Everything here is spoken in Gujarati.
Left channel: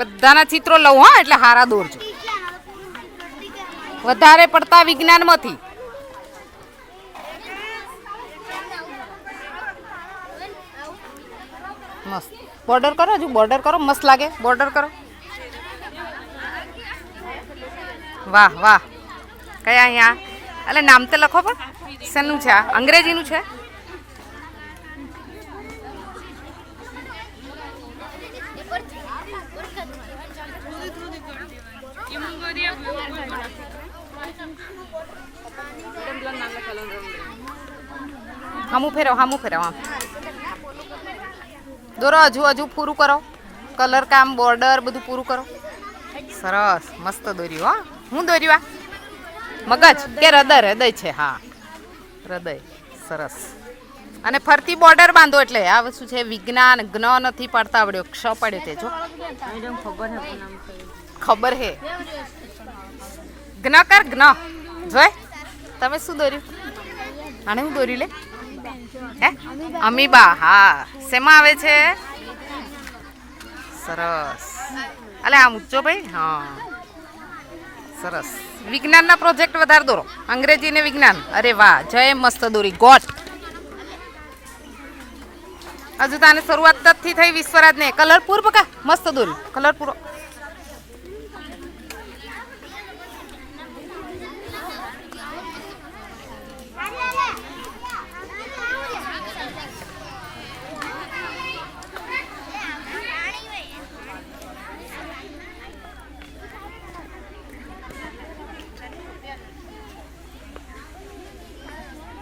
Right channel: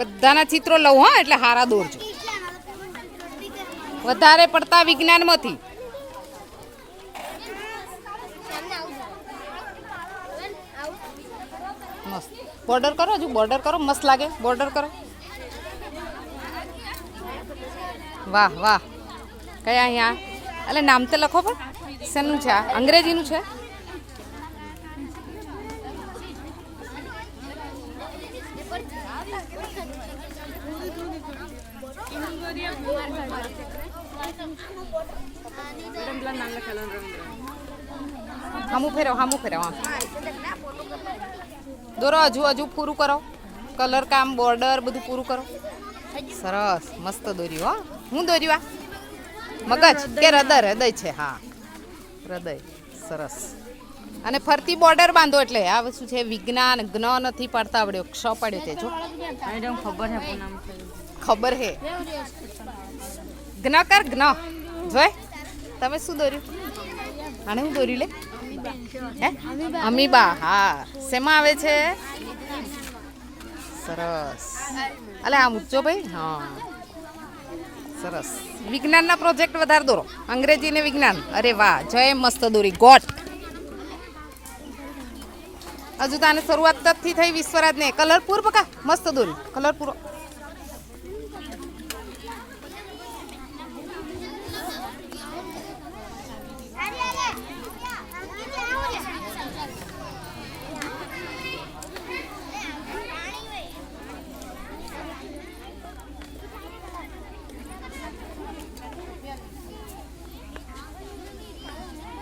બધાના ચિત્રો લઉં હા, એટલે હારા દોરજો. વધારે પડતા વિજ્ઞાનમાંથી. મસ્ત બોર્ડર કરો, હજુ બોર્ડર કરો, મસ્ત લાગે. બોર્ડર કરો. વાહ વાહ. કયા અહીંયા એટલે નામ તો લખો, પણ શેનું છે આ? અંગ્રેજીનું છે. હામું ફેરવ આમ દોરો. હજુ પૂરું કરો. કલર કામ, બોર્ડર બધું પૂરું કરો. સરસ, મસ્ત દોર્યું. હા, હું દોર્યું? આ મગજ કે હૃદય? હૃદય છે. હા, હૃદય. સરસ. અને ફરતી બોર્ડર બાંધો. એટલે આ વસ્તુ છે વિજ્ઞાન. જ્ઞ નથી પડતા આવડ્યો, ક્ષ પડ્યો. તે જો ખબર હે. જ્ઞ કર, જ્ઞ. જોય તમે શું દોર્યું? આને હું દોર્યું લે? હે, અમીબા. હા, શેમાં આવે છે? સરસ. અલે આમ ઊંચો ભાઈ. હા, સરસ. વિજ્ઞાનના પ્રોજેક્ટ વધારે દોરો. અંગ્રેજી ને વિજ્ઞાન. અરે વાહ, જય. મસ્ત દોરી. ગોટ. હજુ તાને શરૂઆત થી થઈ. વિશ્વરાજ ને કલર પૂર પકા. મસ્ત દોરી. કલર પૂરો.